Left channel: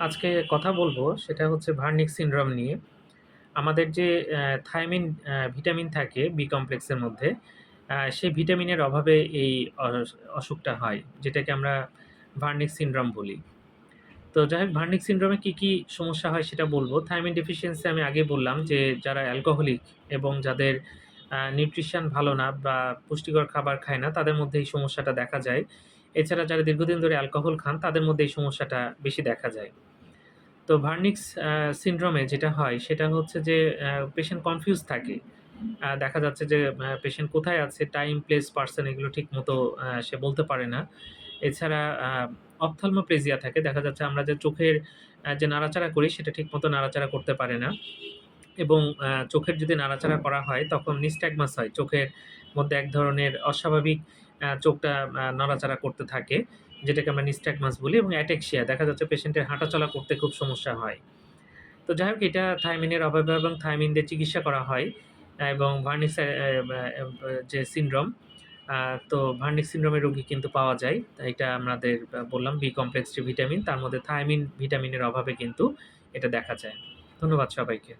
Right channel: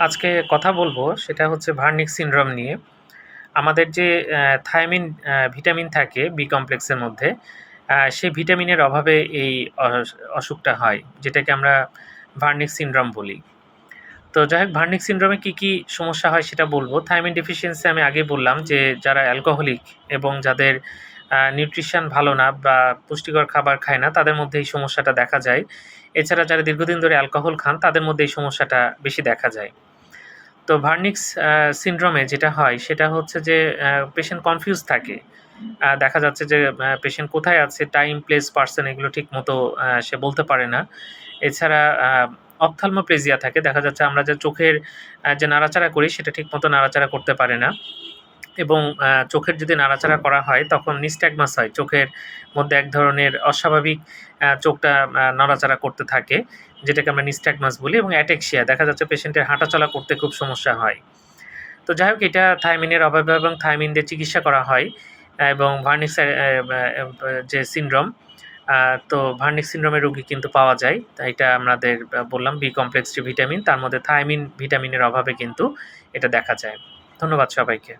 আজকে কথা বলব সেটা হচ্ছে ভার্নিক সিনড্রোম নিয়ে। আমাদের যে অ্যা ভিটামিন থাকে বি কমপ্লেক্সের মধ্যে, সেই ভিটামিনের অভাবে এই অস অসুখটা হয়। যেটাকে আমরা ভার্নিক সিনড্রোম বলি। তো যাই হোক ভার্নিক সিনড্রোমে কী, কী সমস্যা হয় সেটা বলব। থায়ামিন ডেফিসিয়েন্সি আমি আগেই বললাম যে যারা অ্যালকোহলিক এবং যাদের নিউট্রিশন ভালো না বা পুষ্টিকর খাবার খায় না তাদের মধ্যে এই সমস্যাটা দেখা যায়। এছাড়া যারা দীর্ঘদিন ধরে অ্যালকোহল খান তাদের মধ্যে এই সমস্যাটা বেশি দেখা যায়। তো ভার্নিক্স সিন্ড্রোমে যেটা হয় সেটা হচ্ছে যে পেশেন্ট কনফিউজ থাকে। দেখা যাচ্ছে যে পেশেন্ট কোথায় আছে, টাইম, প্লেস, পার্সন এগুলো ঠিক মতো সে বলতে পারে না। এছাড়া আ অপথ্যালমোপ্লেজিয়া থাকে। দেখা যাচ্ছে আমরা যে চোখের যে নাড়াচাড়া করি সেটা ঠিক মতো নাড়াচাড়া করতে পারে না। এবং চোখের যদি নাড়াচাড়া করা হয়, তখন নিস্ট্যাগমাস হয়। চোখের মধ্যে এক ধরনের অস্বাভাবিক চোখটা নড়াচড়া করতে থাকে। যেটাকে আমরা নিস্ট্যাগমাস বলি এবং অ্যাটেক্সিয়া দেখা যাচ্ছে পেশেন্টের হাঁটাচলা করতে খুব সমস্যা হয়। তো যাই হোক, এটা থাইমিনের অভাবে এবং থায়ামিন দিয়ে চিকিৎসা করা হয় এবং ভার্নিক্স যে সিনড্রোম তো ভার্নিক সিনড্রোমের রোগী কিন্তু পাওয়া যায়। এটা আমাদের বললাম বি কমপ্লেক্স ভিটামিন তার মধ্যে থাইমিন ভিটামিনের অভাবে কিন্তু এটা দেখা যায়। ধন্যবাদ সবাইকে।